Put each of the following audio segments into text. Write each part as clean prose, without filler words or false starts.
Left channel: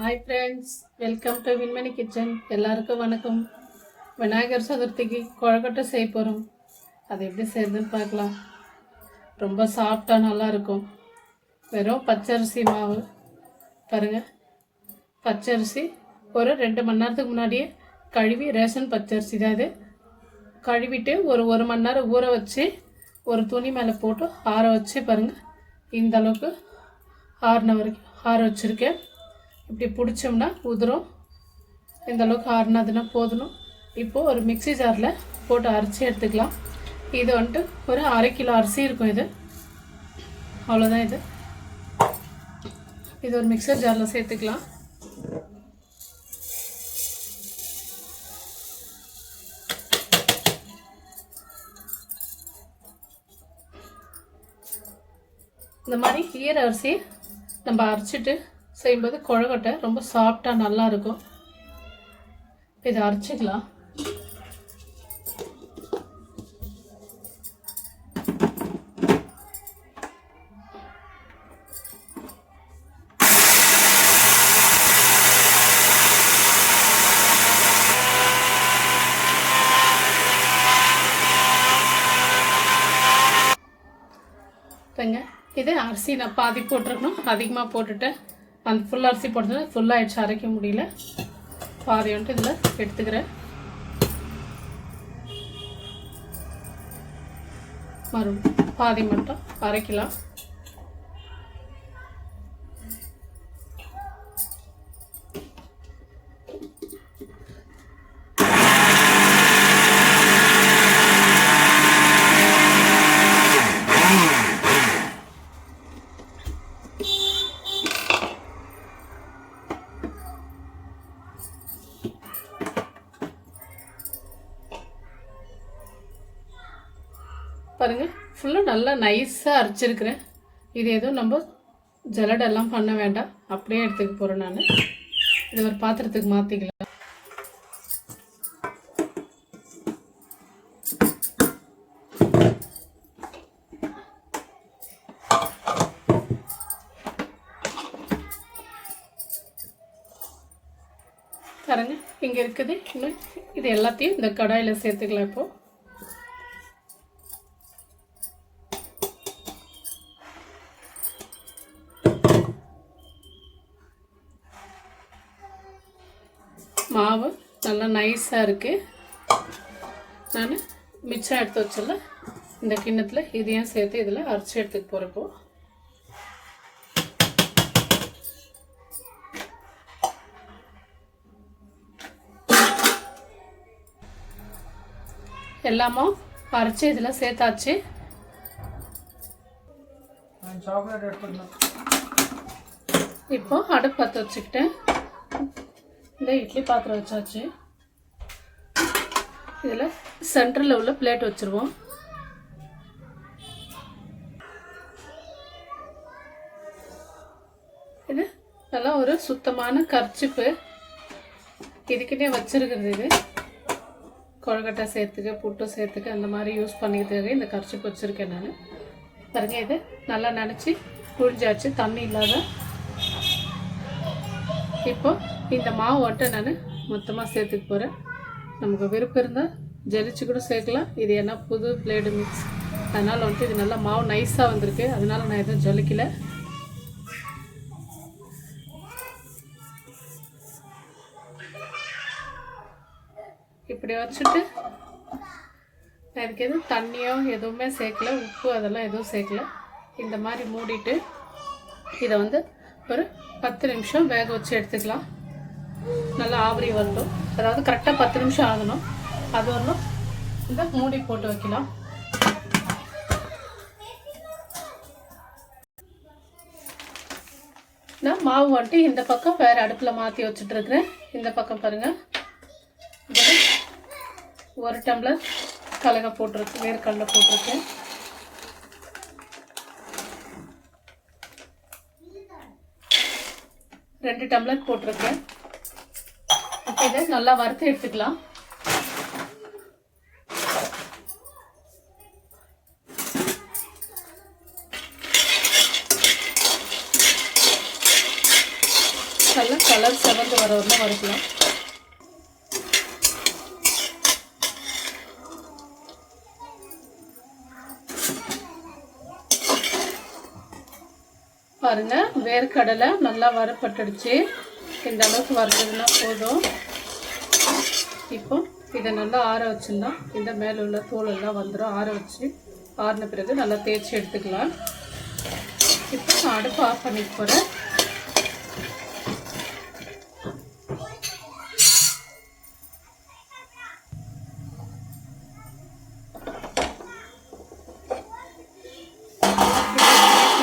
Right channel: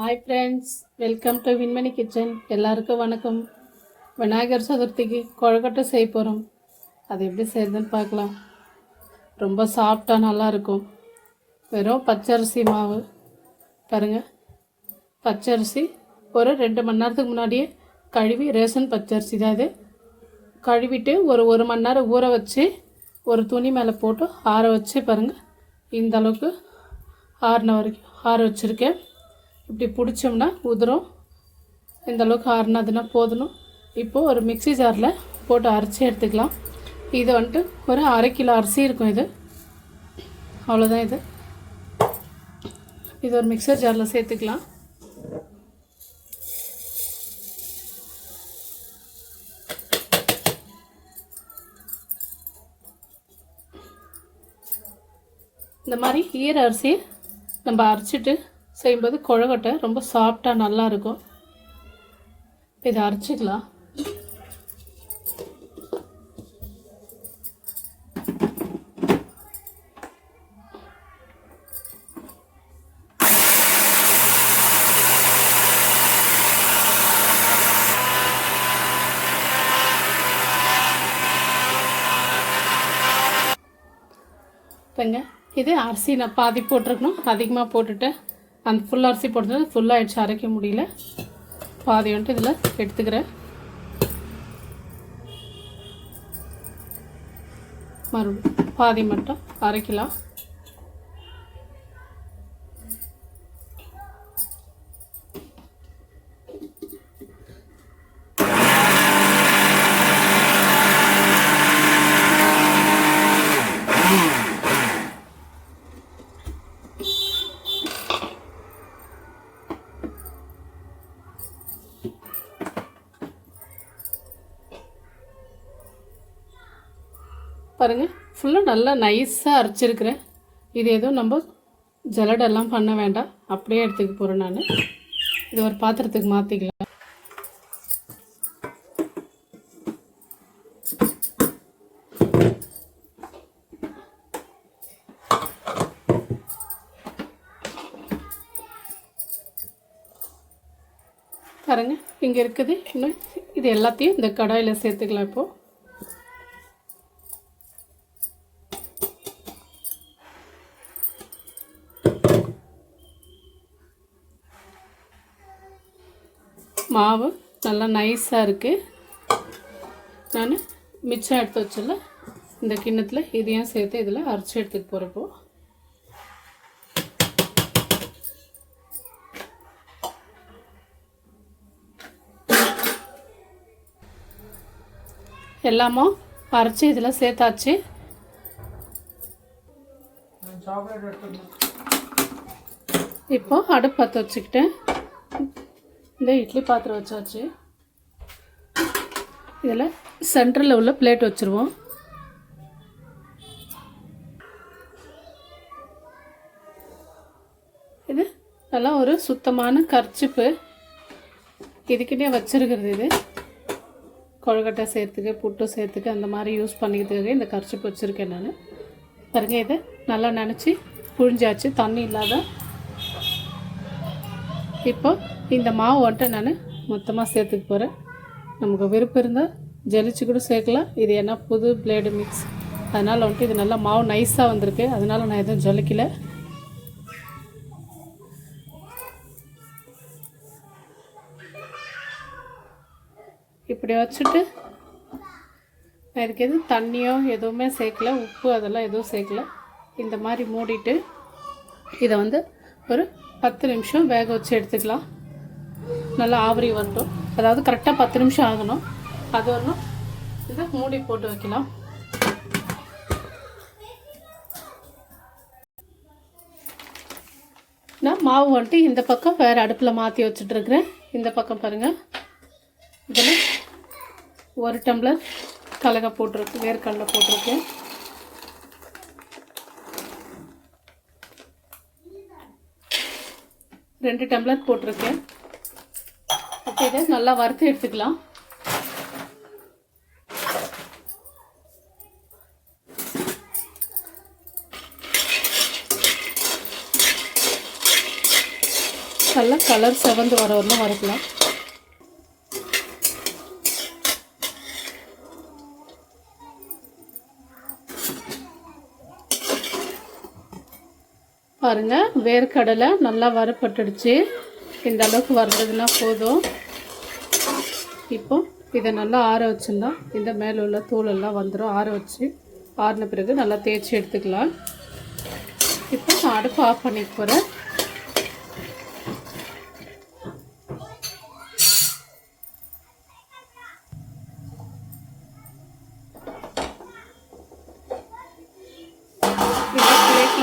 Hi friends, welcome to Vinmani kitchen. எல்லாருக்கும் வணக்கம். விநாயகர் சதுர்த்திக்கு கொழுக்கட்டை செய்ய போகிறோம். அது எப்படி செய்யுதுன்னு பார்க்கலாம். ரொம்ப சாஃப்டாக நல்லாயிருக்கும். வெறும் பச்சரிசி மாவு பாருங்கள். பச்சரிசி ஒரு 2 மணி நேரத்துக்கு முன்னாடியே கழுவி, ரேஷன் பச்சரிசி தான் இது, கழுவிட்டு ஒரு மணி நேரம் ஊற வச்சு ஒரு துணி மேலே போட்டு ஆற வச்சு பாருங்கள். இந்த அளவுக்கு ஆறின வரைக்கும் ஆற வச்சுருக்கேன். இப்படி பிடிச்சோம்னா உதிரும். இந்த அளவுக்கு ஆறினதுன்னா போதணும். இப்போது ஒரு மிக்சி ஜாரில் போட்டு அரைச்சி எடுத்துக்கலாம். இது வந்துட்டு ஒரு 1/2 கிலோ அரிசி இருக்கும். இது அவ்வளோதான். இது ஒரு மிக்சர் ஜாரில் சேர்த்துக்கலாம். இந்த மாதிரி ஈர அரிசி நம்ம அரைச்சிட்டு செய்யும்போது கொழுக்கட்டை ரொம்ப சாஃப்டாக நல்லாயிருக்கும். இதை அரைச்சிக்கலாம். இப்போங்க இது அரிசி நான் பாதி போட்டிருக்கணும், அதிகமாக போட்டுட்டேன். அந்த ஃபுல் அரிசி போட்டது ஃபுல்லாகிடுச்சு, அரைக்க முடியல. பாதி வந்துட்டு இதில் எடுத்துக்கிறேன். மறுபடியும் பாதி மட்டும் அரைக்கலாம். பாருங்கள், ஃபுல்லாக நல்லா நைஸாக அரைச்சிருக்கிறேன். இது எதுவும் நம்ம ஜலடெல்லாம் பண்ண வேண்டாம், அப்படியே எடுத்துக்க போகிறேன். நான் இது ஒரு பாத்திரத்துக்கு மாற்றிக்கலாம். பாருங்க, இங்கே இருக்குது. இன்னும் இது எல்லாத்தையும் இந்த கடாயில் சேர்த்துக்கலாம். இப்போது மாவு நல்லா நைஸாக இருக்குது. நான் மிச்சம் எடுத்து வச்சல இந்த கிண்ணத்தில் இதையும் சேர்த்து இதில் அரைச்சி எடுத்துக்க போகிறப்போ எல்லாமும் அரைச்சி இதில் சேர்த்தாச்சு. இப்போ அடுப்பு பற்ற வச்சுக்கிட்டேன். இந்த இட்லி பாத்திரம் வச்சாச்சு. இதில் சென்டரில் உள்ள பிளேட் வச்சுருவோம். இது நல்லா ஒரு சுத்தமான கர்ச்சிப்பு இதுக்கிட்டே வச்சுருக்கிறது. இது கொழுக்கட்டை சேர்த்துக்கு, புட்டு சேர்த்துக்கு அந்த மாதிரி யூஸ் பண்ணிக்கிறதுக்கு இந்த கர்ச்சிப்பு வச்சுருக்கேன் நான். பாருங்க, இது நல்லா நினச்சி புழிஞ்சாச்சு, தண்ணி இல்லாத. இப்போ இந்த மாவு வந்துட்டு நான் மொத்தமாக சேர்த்துக்க போகிறேன். நமக்கு விருப்பம் இருந்தால் ஜலிச்சு கூட சேர்க்கலாம். இது என்ன புது பிளேடு மிக்ஸ், அதனால் வந்துட்டு இது நல்லா மாவு நைஸாக வந்திருக்கு. அதனால் நான் எதுவும் ஜலிக்கலை. இப்படி வச்சுட்டு நான் இதுக்கு எதுவும் தண்ணியோ எதுவுமே சேர்க்கல, உப்பு அதெல்லாம் எதுவும் சேர்க்கல. இந்த மாதிரி மூடிட்டு இதை வந்து ஒரு 10 நிமிஷம் வேக வச்சு எடுத்துக்கலாம். நல்லா ஆவரி வந்துடும். அதாவது கரெக்டாக 10 நிமிஷம் ஆகணும். அது ஒன்றும் இந்த மூடி போட்டு வைக்கலாம். நான் மாவு வந்துட்டு இந்த பக்கம் வேறு அடுப்பில் மாற்றி வச்சுட்ருக்குறேன். இந்த பக்கம் பாருங்கள், இதில் 1 டம்ளர் கடலை போட்டிருக்கு, வேர்க்கடலை போட்டிருக்கேன். ரெண்டு டம்ளர் போட்டிருக்கேன். இப்போ இதை நல்லா வறுத்து எடுத்துக்கலாம். நல்லா கலர் செவந்து வர வரணும் வறுக்கலாம். பாருங்கள், வேர்க்கடலை நல்லா வறுப்பட்டுடுச்சு. இந்த அளவுக்கு வறுத்ததுன்னா போதும். இப்போ இதை நல்லா ஆற வச்சுருந்தா இந்த மேலே உள்ள தூளெல்லாம் வந்துடும். ஆற வச்சு ஆறின பிறகு நல்லா தேய்ச்சி எடுத்துக்கலாம். இப்போ நான் அடுப்பு ஆஃப் பண்ணிட்டு போகிறேன்.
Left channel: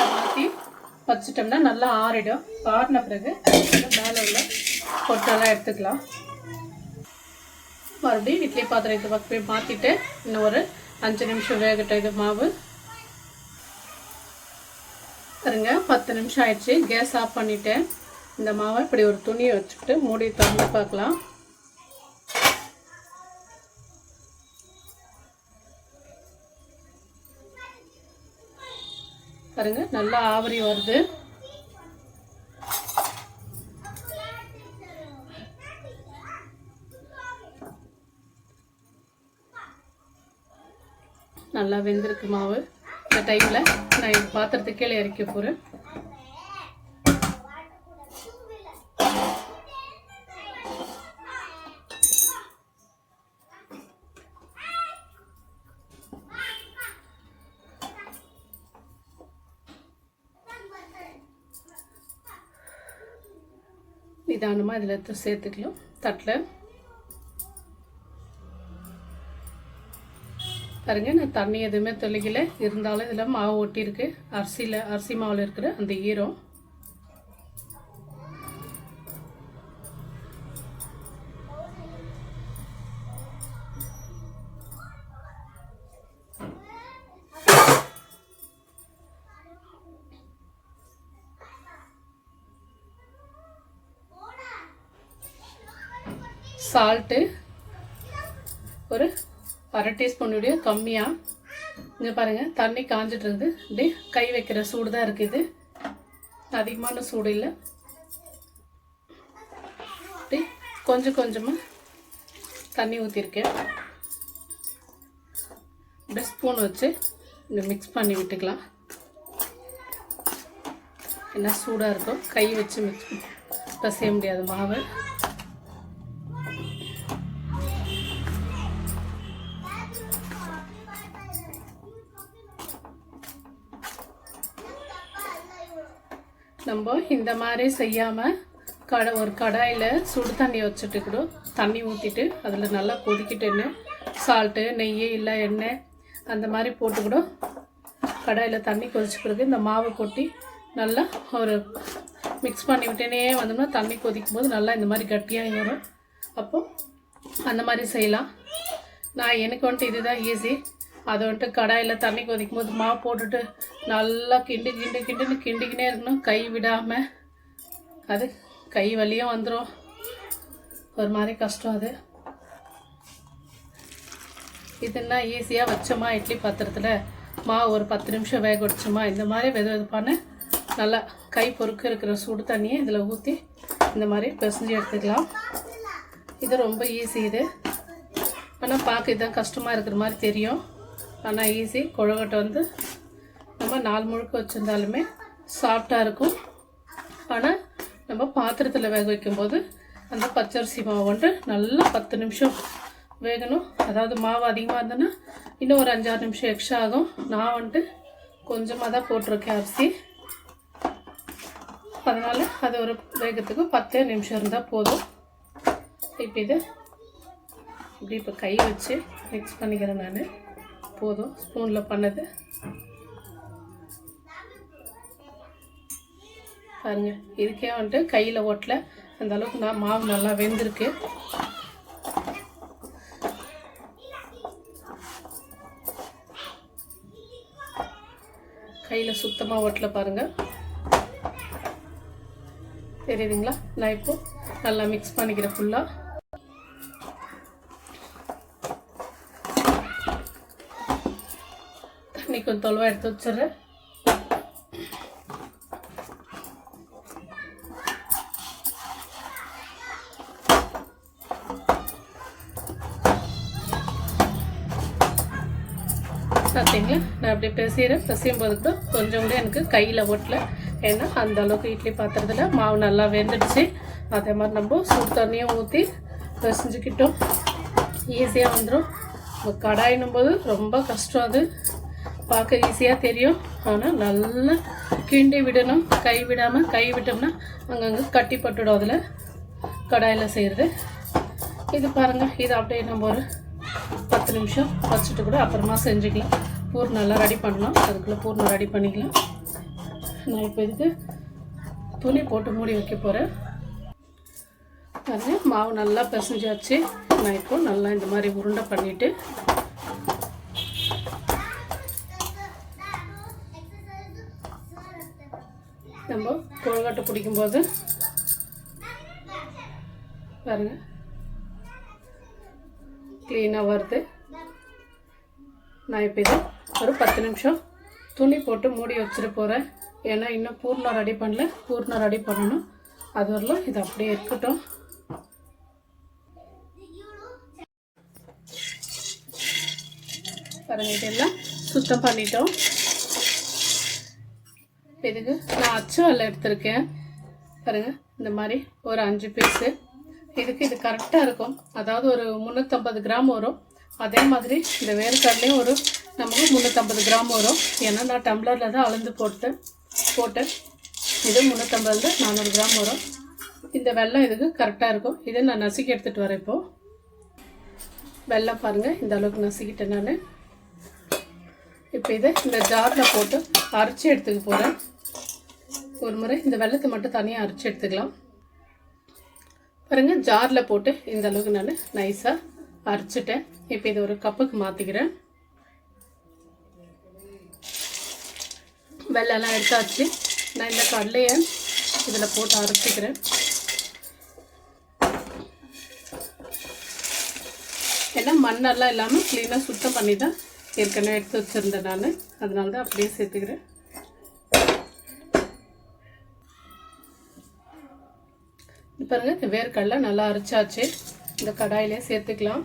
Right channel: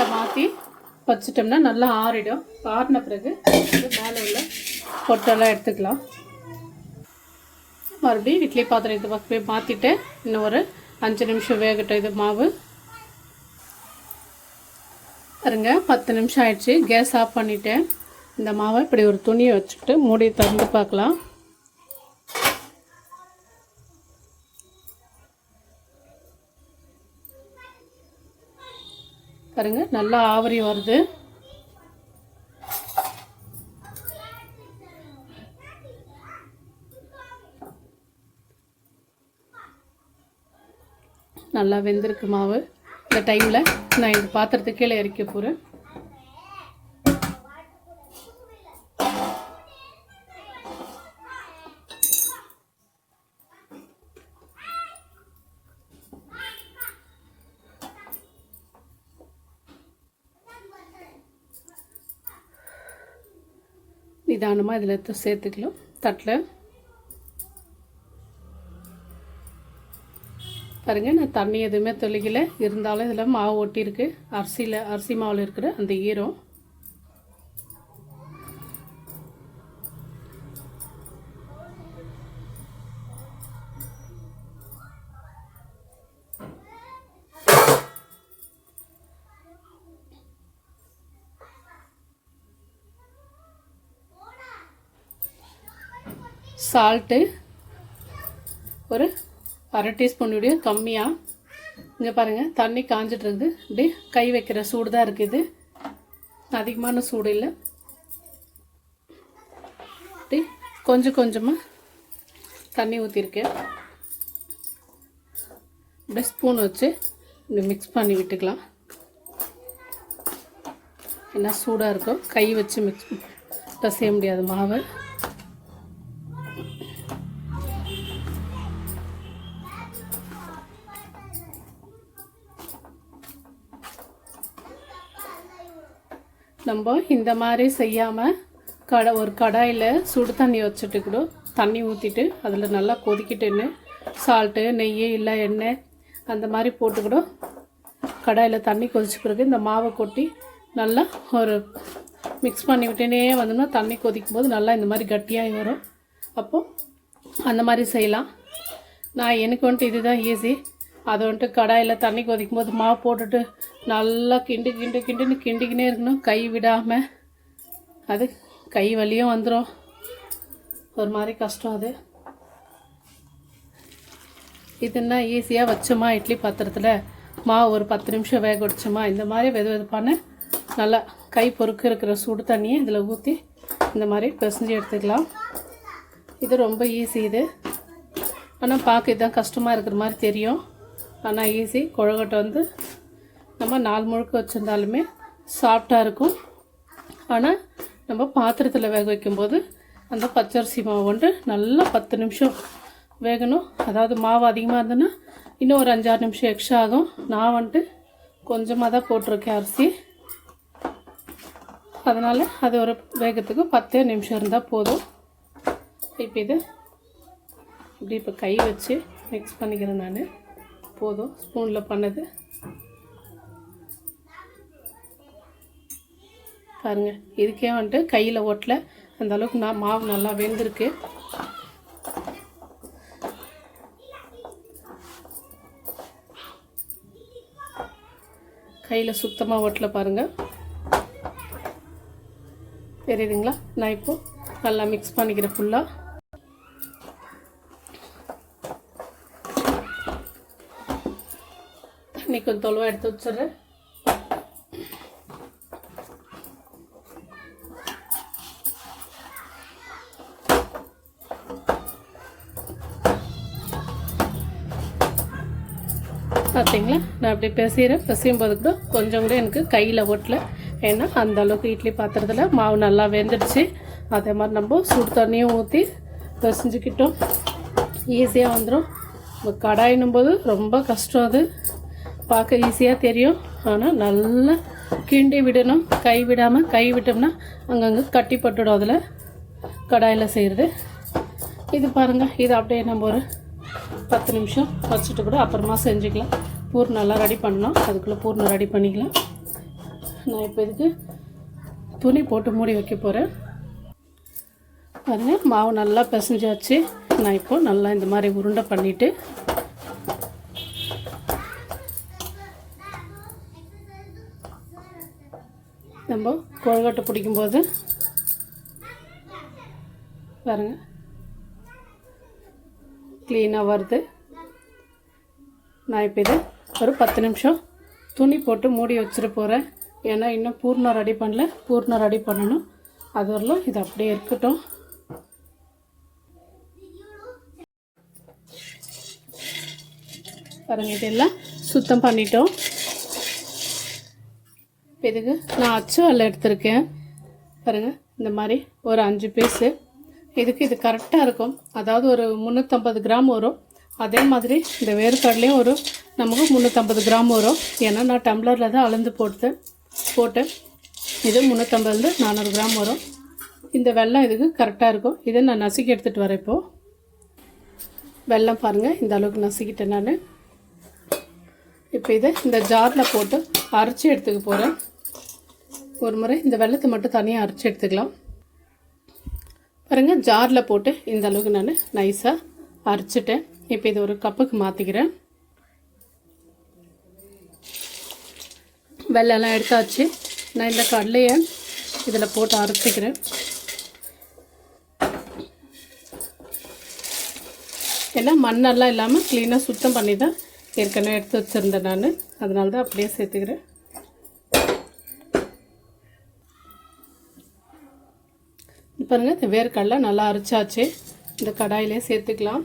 மாற்றி வச்சிட்டோம்னா நல்லா ஆறிடும். ஆறின பிறகு மேலே உள்ள பொட்டெல்லாம் எடுத்துக்கலாம். மறுபடியும் இட்லி பாத்திரம் இது போய் மாற்றிட்டு இன்னும் ஒரு 5 நிமிஷம் வேகட்டும். இது மாவு பாருங்க, 10 நிமிஷம் ஆயிடுச்சு. கேஸ் ஆஃப் பண்ணிவிட்டேன். இந்த மாவை இப்படி ஒரு துணியை வச்சுட்டு மூடியை திறந்து பார்க்கலாம். பாருங்க, நல்லா ஆவரி வருது. நல்லா வெந்திருக்கு மாவு. இந்த டைமில் நான் இந்த பாத்திரத்துக்கு கீழே இறக்க போகிறேன். நிதானமாக இதில் சேர்த்துக்கலாம். தட்டில் பாருங்க, நான் தண்ணி எதுவுமே தெளிக்கலை. இருந்தாலும் இதில் மாவு ஒட்டியிருக்கு. அரிசி மாவில் இருக்கிற அந்த ஈரம். சால்ட்டு ஒரு 1/2 டீஸ்பூனுடைய கம்மியாக. இங்கே பாருங்கள், தண்ணி காஞ்சிட்டு இருக்குது. இப்படி கை வைக்கிற சூடு தான் இருக்குது, அதிகமான சூடு இல்லை. அப்படி கொஞ்சம் கொஞ்சமாக தண்ணி ஊற்றிருக்கேன். இப்படி ஸ்பூன் வச்சு இப்படி மிக்ஸ் பண்ணி விட்டுக்கலாம். என்ன சூடாக இருக்கும், கை வச்சு பிசைய முடியாது மாவு. நம்ம இந்த மாதிரி செய்யாமல் ஒரு கடாயில் சுடு தண்ணி வச்சுட்டு கூட தண்ணி ஊற்றிட்டு அதில் நல்லா கொதிக்கிட்டுன்னு சால்ட்டு, நெய் இல்லை எண்ணெய் அந்த மாதிரி போட்டு கூட கடாயில் தண்ணி கொதிச்சு பிறகு இந்த மாவை கொட்டி நல்லா ஒரு மிக்ஸ் பண்ணி விட்டுனே வந்தோம்னா தண்ணி கொதிக்கும் போது நல்லா இந்த மாதிரி கட்டியாக வரும். அப்போது அந்த மாதிரி செய்யலாம். எனக்கு வந்துட்டு இதுதான் ஈஸி. அதை வந்துட்டு கடாயில் தண்ணி கொதிக்கும் போது மாவு போட்டுட்டு நல்லா கிண்டிக்கினே இருக்கணும், கை விடாமல். அது கை வலியும் வந்துடும், ஒரு மாதிரி கஷ்டம். அது இதுன்னா ஈஸியாக வச்சோமா இட்லி பாத்திரத்தில் மாவு ஒரு 10 நிமிஷம் வேக வச்சோமா, இந்த மாதிரி வெதுவெதுப்பான நல்லா கை பொறுக்க இருக்கிற சுடு தண்ணியை இதில் ஊற்றி இந்த மாதிரி பிசைஞ்சு எடுத்துக்கலாம். இது ரொம்ப ஈஸி. இது ஆனால் பார்க்க இதுதான் கஷ்டமாக இருக்கிற மாதிரி தெரியும், ஆனால் ஈஸி. கொழுக்கட்டை வந்து நம்ம 4 முழுக்க வச்சுருந்தாலுமே சாஃப்டாக இருக்கும். ஆனால் நம்ம பாத்திரத்தில் வேக வைக்கும்போது அந்த பச்சரிசி மாவு வந்துட்டு நல்லா 10 நிமிஷம் வேகணும். அதாவது மாவு அதிகமாக இருந்ததுன்னா இன்னும் ஒரு 5-6 நிமிஷம் எக்ஸ்ட்ரா ஆகும். நான் வந்துட்டு கொஞ்சமாக தான் போட்டிருக்கேன் அரிசி, அதனால் அது ஒரு வேகத்துக்கு 10 நிமிஷம் இருந்தால் போதும். இப்போ இது இப்படி இப்போ கை வச்சு மிக்ஸ் பண்ணிக்கிறேன் நான். போதும், ஸ்பூனில் பண்ணது. பாருங்கள், இதுக்கே வந்துட்டு கையில் ஒட்டல, அந்த அளவுக்கு மாவு நல்லா வெந்திருக்கு. கையில் சுத்தமாக ஒட்டல பாருங்கள், தெரியுதுங்களா? நான் இப்போ நல்லா மிக்ஸ் பண்ணிக்கிறேன் ஃபுல்லாக. தண்ணி கொஞ்சம் தொலைவாக எடுத்து வச்சிடுறேன். பார்த்தீங்களா நான் அப்படி பிசையும் போது கூட கொஞ்சம் கூட எனக்கு கையில் ஒட்டல. ஏன்னா அந்தளவுக்கு இட்லி பாத்திரத்தில் மாவு நல்லா வெந்துடுச்சு. அதே மாதிரி நம்ம சுடு தண்ணியும் ஊற்றி பிசைஞ்சிக்கிட்டோம், ஈஸியாக வந்துடும். கடாயினும் போது ரொம்ப கஷ்டம், அது பார்க்க ஈஸியாக தெரியும். ஆனால் நல்லா கிண்டி விடணும், கை விடாமல். கை விட்டோம்னா அங்கங்கே கட்டி பட்டுடும் அதில் கடாயில் செய்கிறது. இது பாருங்கள், இது அப்படியே நம்ம ஒரு 10 நிமிஷம் வச்சுட்டு கூட அப்புறமா செஞ்சுக்கலாம். பூர்ணெல்லாம் ரெடி பண்ணலாம், அதுக்குள்ளே பூர்ணம் ரெடி பண்ணிக்கலாம். நான் இப்போ இதுக்கு துணி போட்டு மூடி வைக்க போகிறேன். பாருங்கள், மாவு நல்லா பிசைஞ்சாச்சு. நான் இப்போ நல்லா இந்த மாதிரி உருண்டை பண்ணிவிட்டு நம்ம கொழுக்கட்டை பிடிக்கும்போது பாருங்கள் க்ளீனாக வருது. நான் இப்போ இது ஒரு 10 நிமிஷம் துணி போட்டு மூடி வச்சுட்டு போகிறேன். ஏன்னா இன்னும் பூர்ணம் ரெடி பண்ணல, பூர்ணம் ரெடி பண்ணணும். அது வரலாம் இது அப்படியே இருக்கட்டும். பாருங்கள், இதெல்லாம் சுத்தம் பண்ணிட்டோம். இதுக்கு நான் அச்சு வெல்லம் எடுத்திருக்கேன். பாருங்கள், இந்த மாதிரி ஒரு 5 பீஸு. இதுக்கு இது கரெக்டாக இருக்கும். அதாவது ஒரு 350 கிராம் வரும். அதே மாதிரி இந்த வேர்க்கடலையும் ஒரு நமக்கு 350 கிராம் வரும். ஏன்னா நான் டம்ளரில் தான் அளந்து போட்டேன். இது 350 400 கிராம் வரும். இந்த வெல்லம் இதுக்கு கரெக்டாக இருக்கும். இதை நான் நசுக்கி எடுத்துகிட்டு வரேன். இப்போது வெல்லம் பாருங்கள், இந்த அளவுக்கு நசுக்கிட்டேன் நான். இப்போ இதை இந்த ஜாரில் போட்டு அரைச்சி எடுத்துக்க போகிறேன். ஒரு முறை இந்த வெல்லத்தை மட்டும் தனியாக அரைச்சி எடுத்துக்கலாம். பாருங்கள், ஜாரில் போட்டு இந்த அளவுக்கு நான் நைஸாக அரைச்சிட்டேன். இப்போ இது ஒரு கப்புக்கு மாற்றிக்கிறேன். வெல்லம்லாம் எடுத்தாச்சு. நான் இந்த கடலையை இதில் போட்டு அரைச்சிக்கிறேன். ஏன்னா மண்ணெல்லாம் இல்லாமல் க்ளீனாக சுத்தம் பண்ணி தான் ஏற்கனவே எடுத்து வச்சுருந்தேன் நான். அதனால தான் அப்படியே சேர்த்துக்கிறேன். பாருங்கள், இந்த வேர்க்கடலை நல்லா அரைச்சாச்சு. இந்த கடாயிலே சேர்த்துக்கலாம்.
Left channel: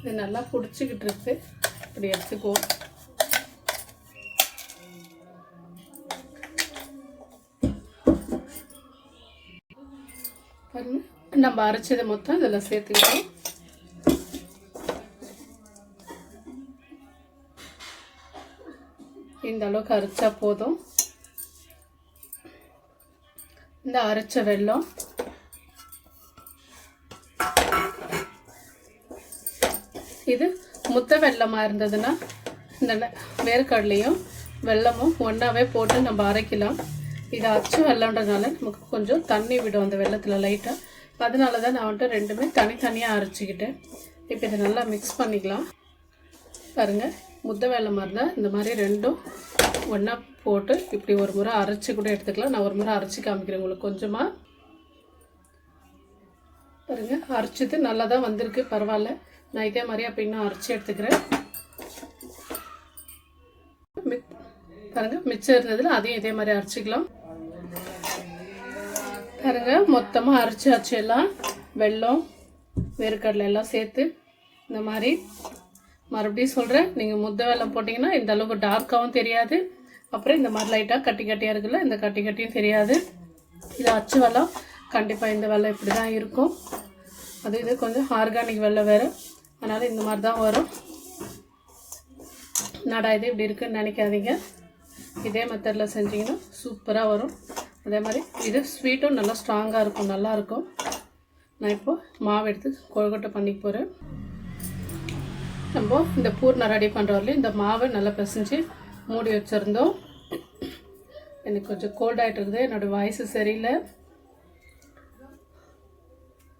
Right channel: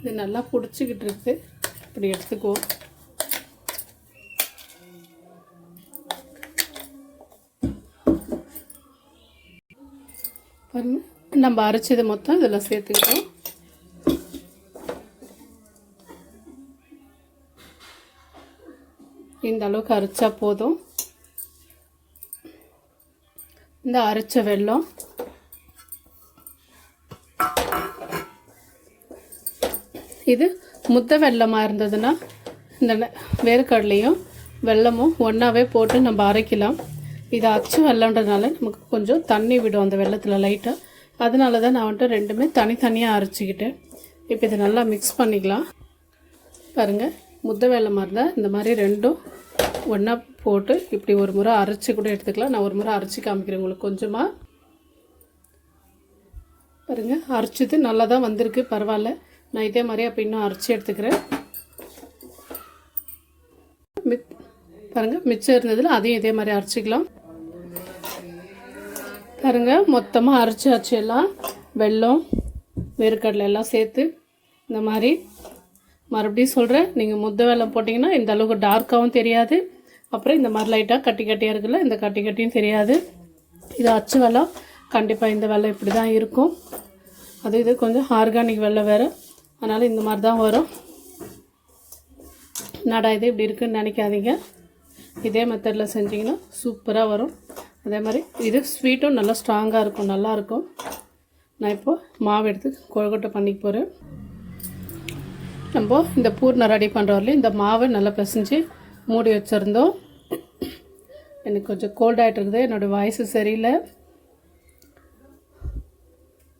இது நல்லா பிடிச்சிக்கிட்டு இருக்கு. இப்படி எடுத்துக்குவோம். பாருங்கள், நம்ம அரைச்சது மொத்தம் இதில் சேர்த்துக்கிட்டோம். இந்த அளவுக்கு அரைச்சா போதும். இந்த அரைச்ச வெல்லம் இது முத்த வெல்லமாக இருந்ததுன்னா இந்த வேர்க்கடலையும் வெல்லமும் ஒன்றாவே போட்டு நம்ம அரைக்கலாம். இது அச்சு வெல்லன்றதுனால நமக்கு கொஞ்சம் தண்ணி விடும் அந்த வெல்லத்தில் லைட்டாக. அதனால தான் நான் வந்துட்டு ரெண்டுமே தனித்தனியாக அரைச்சிக்கிட்டேன். இப்போ இதை நல்லா மிக்ஸ் பண்ணிக்கலாம். பாருங்கள், முத்த வெல்லமாக இருந்தால் இந்த மாதிரி ரெண்டும் ஒன்றா போட்டு இப்படி ஒரு முறை அரைச்சி கூட எடுத்துக்கலாம். நான் ஒரு முறை அரைச்சி காமிக்கிறேன் உங்களுக்கு. கொஞ்சமாக பாருங்கள், அரைச்சது நல்லா தான் வந்திருக்கு, பரவாயில்ல. நான் இதே மாதிரி அப்போ இன்னும் அரைச்சி எடுத்துக்கிறேன். பாருங்கள், மிச்சம் இருந்ததில் அதையும் இதே மாதிரி அரைச்சிக்கலாம். பாருங்கள், மொத்தமாக அரைச்சாச்சு. எல்லாம் வெல்லம் வேர்க்கடலை எல்லாம் சேர்த்து இந்த மாதிரி. மறுபடியும் சொல்கிறேன், நீங்கள் முத்த வெல்லம் போட்டிங்கன்னா இந்த அளவுக்கு டார்க்காகவும் தெரியாது. அப்புறம் இந்த மாதிரி லைட்டாக கட்டி கட்டியாக இருக்குல்ல, இந்த கட்டி கட்டியும் தெரியாது. இது அச்சு வெல்லம். கண்டிப்பாக இந்த வெல்லம் இப்படி தான் இருக்கும். இது கொஞ்சம் ஆர்கானிக் வெல்லம் வேறு, அதனால் இந்த மாதிரி தான் வரும். நடா இது இப்படி இருக்குன்னு நினைக்காதீங்க. இதே மெத்தடில் செஞ்சிங்கன்னா சூப்பராக வரும். அதே மாதிரி இது ஸ்வீட்டும் நல்லா ஸ்ட்ராங்காக இருக்கும், நல்லாயிருக்கும். நான் இப்போது மாவு எடுத்து கொழுக்கட்டை பண்ணிக்க போகிறேன். நம்ம இந்த பூர்ணம் ரெடி பண்ணுறவரையும் இந்த மாவை நல்லா பிசைஞ்சு மூடி வச்சுருந்தோம். எனக்கு கொஞ்சம் கோல்ட் ஆகிட்டு இருக்குது, என்னோடய வாய்ஸு சரியில்லை.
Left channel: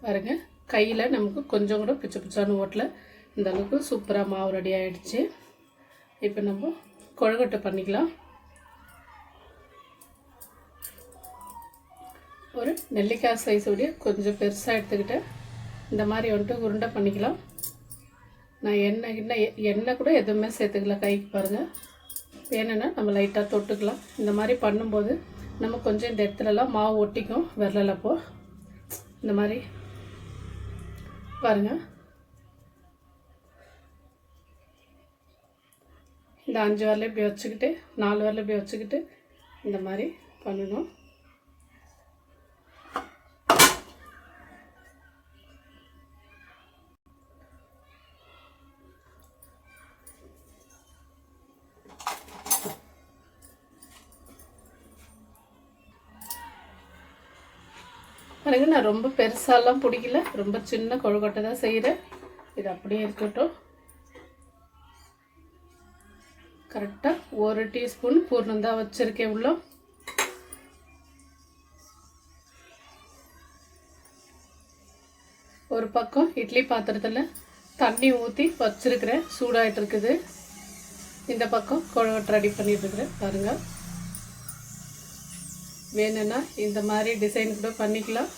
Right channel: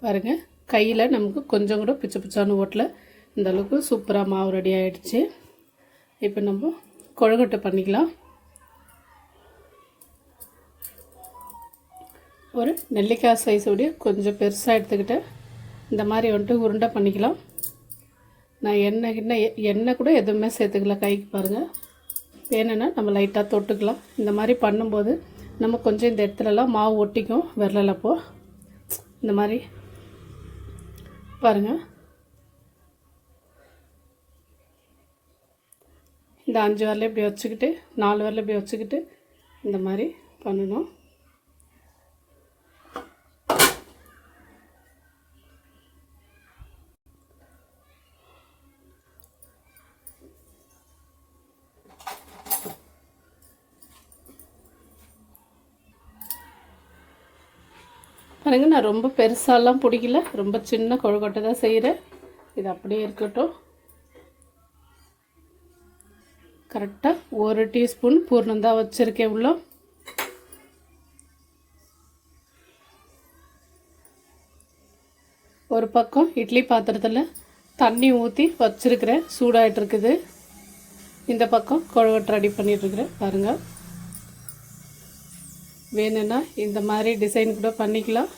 பாருங்கள், கையில் நமக்கு கொஞ்சம் கூட பிச்சை பிச்சான்னு ஓட்டல. இந்த அளவுக்கு சூப்பராக மாவு ரெடி ஆகிடுச்சு. இப்போ நம்ம கொழுக்கட்டை பண்ணிக்கலாம். ஒரு நெல்லிக்காய் சைஸோடைய கொஞ்சம் பெருசாக எடுத்துக்கிட்டேன். இந்த மாதிரி வந்துட்டு உருண்டை பண்ணிக்கலாம். நான் எண்ணெய் கூட எதுவுமே சேர்த்துக்கல கைக்கு. பாருங்கள், வேணும்னா நம்ம லைட்டாக தொட்டுக்கலாம். இந்த மாதிரி பண்ணும்போது நம்ம கொஞ்சம் இந்த இடத்துலலாம் மாவு ஒட்டிக்கும் விரலப்போ. இந்த மாதிரி பாருங்கள். இந்த 5 வரல இப்படி வச்சுக்கிட்டு 4 வரல இப்படி வச்சுக்கிட்டு இந்த மாதிரி பண்ணணும். பாருங்க, நான் ரொம்ப பெருசாலாம் பிடிக்கல, ரொம்ப சின்ன கொழுக்கட்டை தான் செய்கிறேன். இது அப்படியே இருக்கட்டும். கரெக்டாக 1 டீஸ்பூன் பூர்ணம் தான் வச்சுருக்கேன். இவ்வளோ ஒரு பக்கம் இட்லி பாத்திரத்தில் தண்ணி ஊற்றி வச்சுருக்கிறேன், சூடாகிட்டு இருக்குது. இந்த பக்கம் கொழுக்கட்டை ரெடி பண்ணிகிட்ருக்குறேன். பாருங்கள், வேணும்னா இந்த மாதிரி டிசைன் கூட பண்ணிக்கலாம்.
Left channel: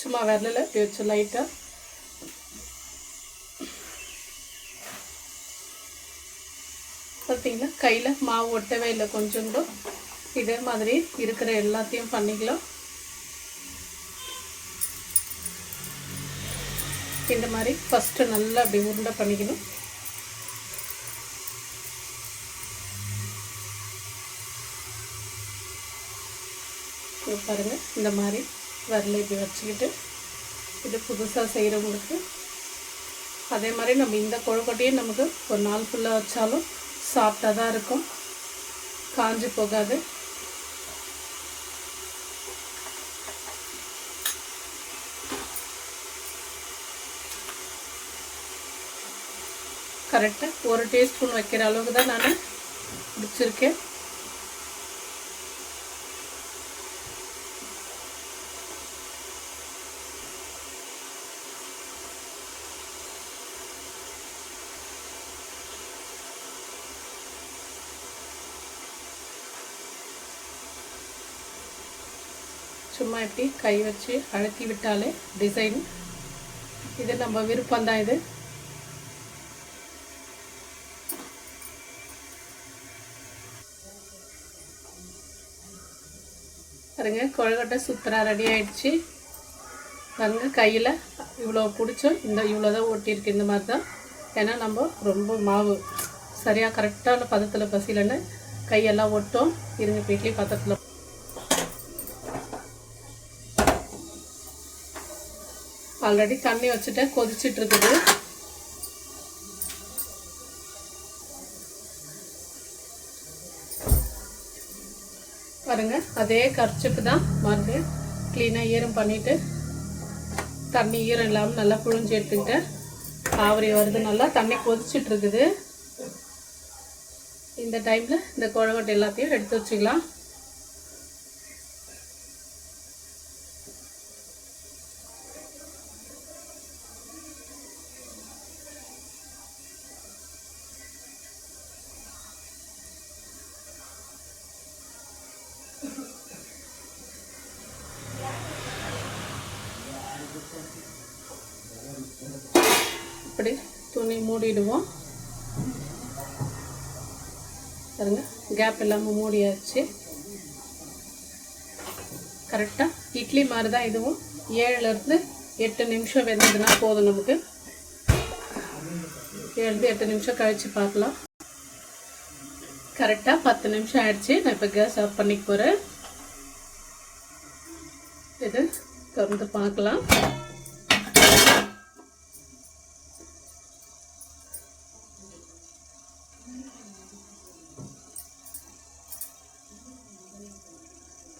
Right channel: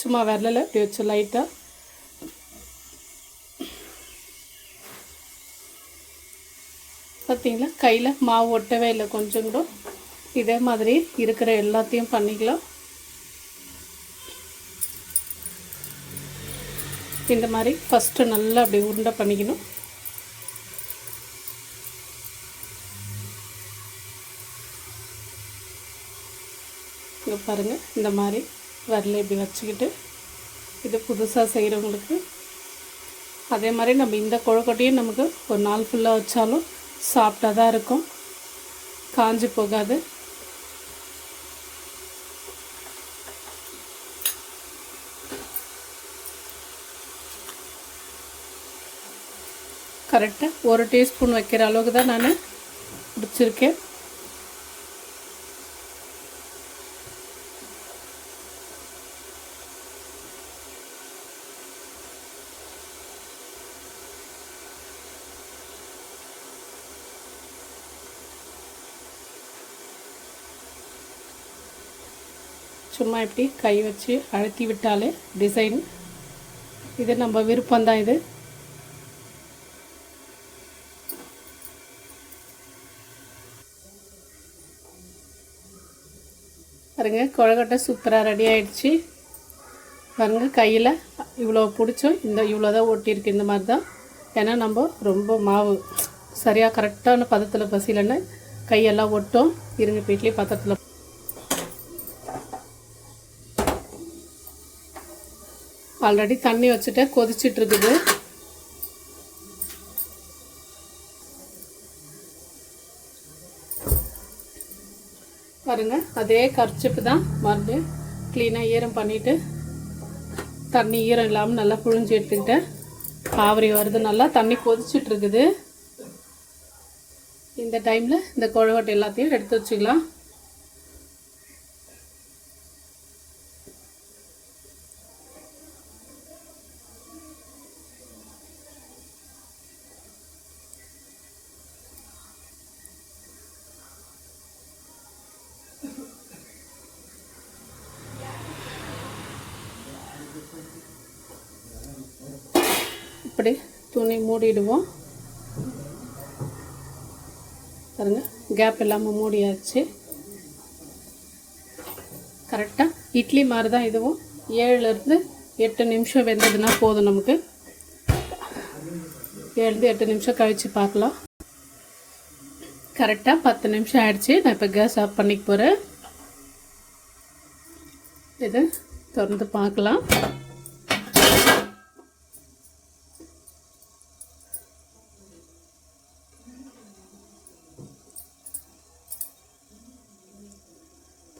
சும்மா விரலில் இப்படி வச்சு லைட்டாக பார்த்தீங்களா, கையில் மாவு ஒட்டவே இல்லை கொஞ்சம் கூட. இதே மாதிரி இருக்கிற எல்லாத்தையும் பண்ணிக்கலாம். இந்த மாதிரி ஃபஸ்ட்டு நல்லா அப்படி உருண்டை பண்ணிக்கணும். பாருங்கள், இந்த மாதிரி வரல இப்படி வச்சுக்கிட்டு, இது புதுசாக செய்கிறவங்களுக்கு அதே மாதிரி நம்ம இந்த கொழுக்கட்டையும் நமக்கு ஒரு நாள் ஃபுல்லாக வச்சாலும் சாப்பிட்டா தான் இருக்கும், காஞ்சி போகாது. கரெக்டாக 1 டீஸ்பூன் வைக்கிற அளவுக்கு தான் நான் பிடிச்சிருக்கேன். சும்மா இப்படி கை வச்சு அழுத்தி விட்டாலே டிசைன். இது நம்ம விருப்பம்தான். இது பாருங்க, கொழுக்கட்டை சூப்பராக ரெடி ஆகிடுச்சு. பாருங்க, கையில் இவ்வளோ பிடிச்சோம், இந்த இவ்வளோ தான் ஒட்டியிருக்கு. இந்த மாதிரி தான். ஏன்னா நம்ம ரொம்ப மாவு சரியாக கரெக்டான பதத்தில் பசிலன்னு கையெல்லாம் ஒட்டும். இருங்க, இட்லி பாத்திரத்தில் ஆல்ரெடி தண்ணி வச்சுட்டு கொதிச்சிட்டு இருக்குது. பாருங்க, அதே கர்ச்சிப்பு தான் மறுபடியும் க்ளீனாக ஈரம் பண்ணிவிட்டு தண்ணி ஈரம் இல்லாமல் நல்லா புழிஞ்சு எடுத்துக்கிட்டேன். ஆவரி வருது, நல்லா தண்ணி கொதிச்சிட்டு இருக்குது. இந்த டைமில் இந்த கொழுக்கட்டை எல்லாத்தையும் எடுத்து வச்சுக்கலாம். இப்படி துணி மூடிடுவோம். பாருங்க, கேப் இல்லாமல் மூடியாச்சு. கரெக்டாக இட்லி மாதிரி தான் இதுவும். 7லேருந்து 8 நிமிஷம் வெந்ததுன்னா போதும் நமக்கு. 7-8 நிமிஷம் கழித்து பார்க்கலாம். கரெக்டாக 10 நிமிஷம் ஆயிடுச்சு. நான் இப்போ கேஸ் ஆஃப் பண்ணிக்க போகிறேன். இதை திறந்து பார்க்கலாம்.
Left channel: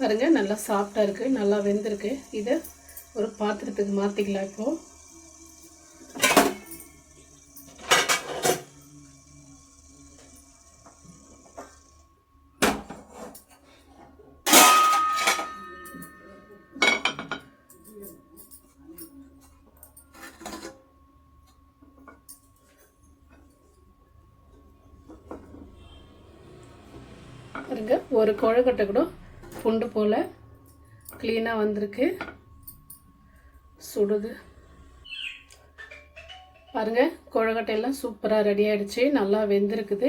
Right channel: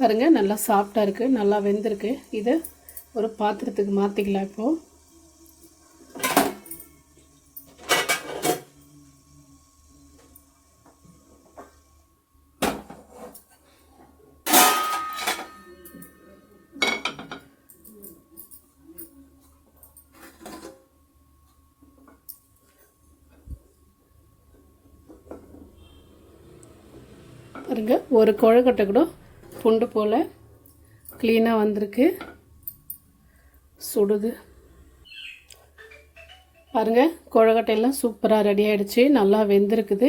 பாருங்க, நல்லா சாஃப்டாக இருக்குது, நல்லா வெந்திருக்கு. இதை ஒரு பாத்திரத்துக்கு மாற்றிக்கலாம். இப்போது பாருங்க, ஒரு கொழுக்கட்டை கூட புண்டு போல் க்ளீனாக வந்திருக்கு. சுடுது பாருங்கள், கொழுக்கட்டையெல்லாம் சூப்பராக ரெடி ஆகிடுச்சு, நல்லா வெந்திருக்குது.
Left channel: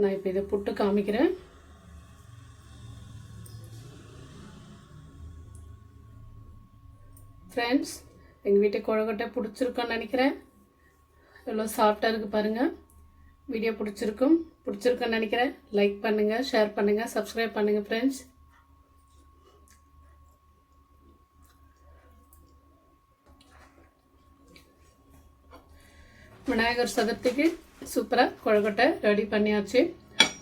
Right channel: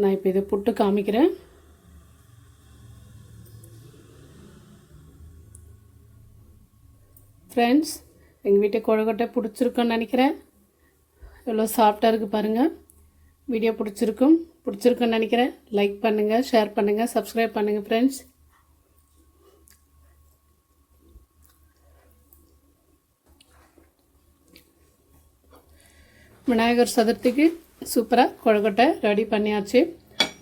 நான் இப்போ இதை புட்டு காமிக்கிறேன். ஃப்ரெண்ட்ஸ், எங்கள் வீட்டு கொழுக்கட்டை பிடிச்சிருக்குன்னு நினைக்கிறேன். எவ்வளோ சாஃப்டாக இருக்குது பாருங்கள். வீடியோ பிடிச்சிருக்குன்னு நினைக்கிறேன். லைக் பண்ணுங்கள், ஷேர் பண்ணுங்கள், சப்ஸ்கிரைப் பண்ணுங்கள் ஃப்ரெண்ட்ஸ். விநாயகர் சதுர்த்திக்கு சூப்பராக கொழுக்கட்டை ரெடி பண்ணியாச்சு.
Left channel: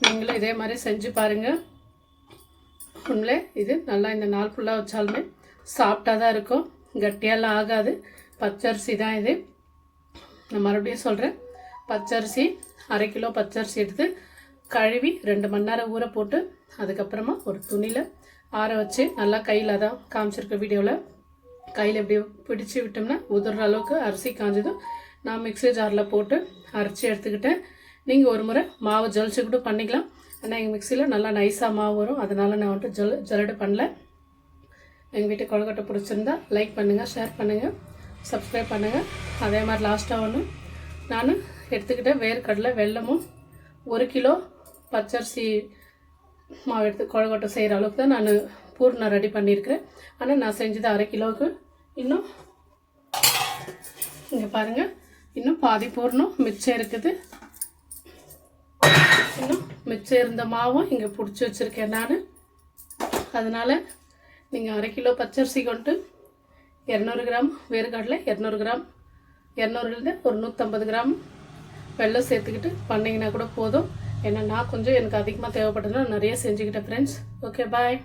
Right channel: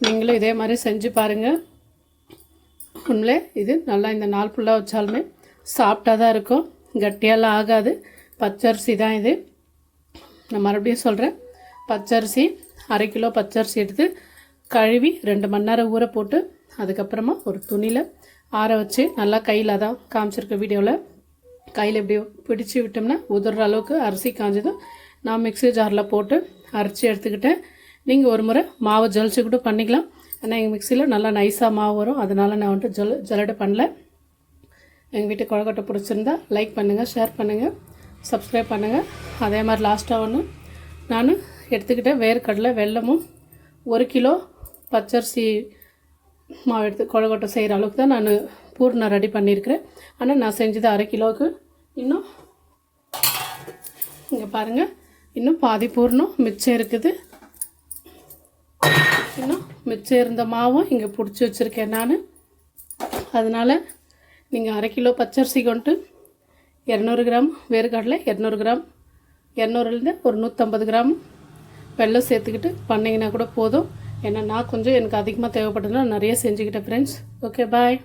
நீங்களும் இதே மாதிரி செஞ்சு பாருங்கள். உண்மையிலே இது நல்லா இந்த நாள் ஃபுல்லாக வச்சாலுமே சாஃப்டாக தான் இருக்கும், கட்டியெல்லாம் ஆகாது. பச்சரிசி தான் இது. நான் மறுபடியும் சொல்கிறேன், பச்சரிசி 1/2 கிலோ பச்சரிசி எடுத்து கழுவி 2 மணி நேரம் ஊற போட்டு அதுக்கப்புறமா ஒரு துணியில் ஆற வச்சு நல்லா கையில் தான் காமிச்சிருக்க வீடியோவில் கையில் இப்படி பிடிச்சி விட்டோம்னா உதிர்ற அளவுக்கு அரிசி காஞ்சதும் நான் மிக்ஸி ஜாரில் போட்டு அரைச்சி எடுத்துக்கிட்டேன். நீங்கள் ஒரு முறை மாவு ஜலிச்சு கூட பண்ணிக்கலாம். ஏன்னா எங்கள் மிக்சியில் நல்லா நைஸாக மாவு வரும், அதனால் நான் வந்துட்டு ஜல்லடை பண்ணல. எங்கள் வீட்டு கொழுக்கட்டை பிடிச்சிருந்தா லைக் பண்ணுங்கள், ஷேர் பண்ணுங்கள், சப்ஸ்கிரைப் பண்ணுங்கள். அதே மாதிரி லாஸ்ட்டாக ஒன்று நான் எடுத்துக்கிட்டேன் வேர்க்கடலை வெல்லமும் 1 கிலோ பச்சரிசி மாவு எடுத்து கொழுக்கட்டை செய்கிற அளவுக்கு தான் நான் பூர்ணம் ரெடி பண்ணியிருக்கிறேன். ஆனால் நான் செஞ்சது 1/2 கிலோவுக்கு இன்னும் இங்கே பாருங்கள், இன்னும் பாதி பூர்ணம் மிச்சம் இருக்குது. இன்னும் மிச்சம் இருந்த மாவும் இங்கே பிடிச்சி வச்சுருக்கேன் நான். அதனால் நீங்கள் 1/2 கிலோ பச்சரிசி கொண்டு 200 கிராம் வேர்க்கடலை, 200 கிராம் 200லேருந்து ஒரு 150 கிராம் வெல்லம் சேர்த்துக்கிட்டு பண்ணிங்கன்னா கூட போதும். ஏன்னா நான் கொஞ்சம் எனக்கு அதிகமாக தேவைப்பட்டதுனால நிறைய செஞ்சுக்கிட்டேன் ஃப்ரெண்ட்ஸ். ஓகே, பாய்.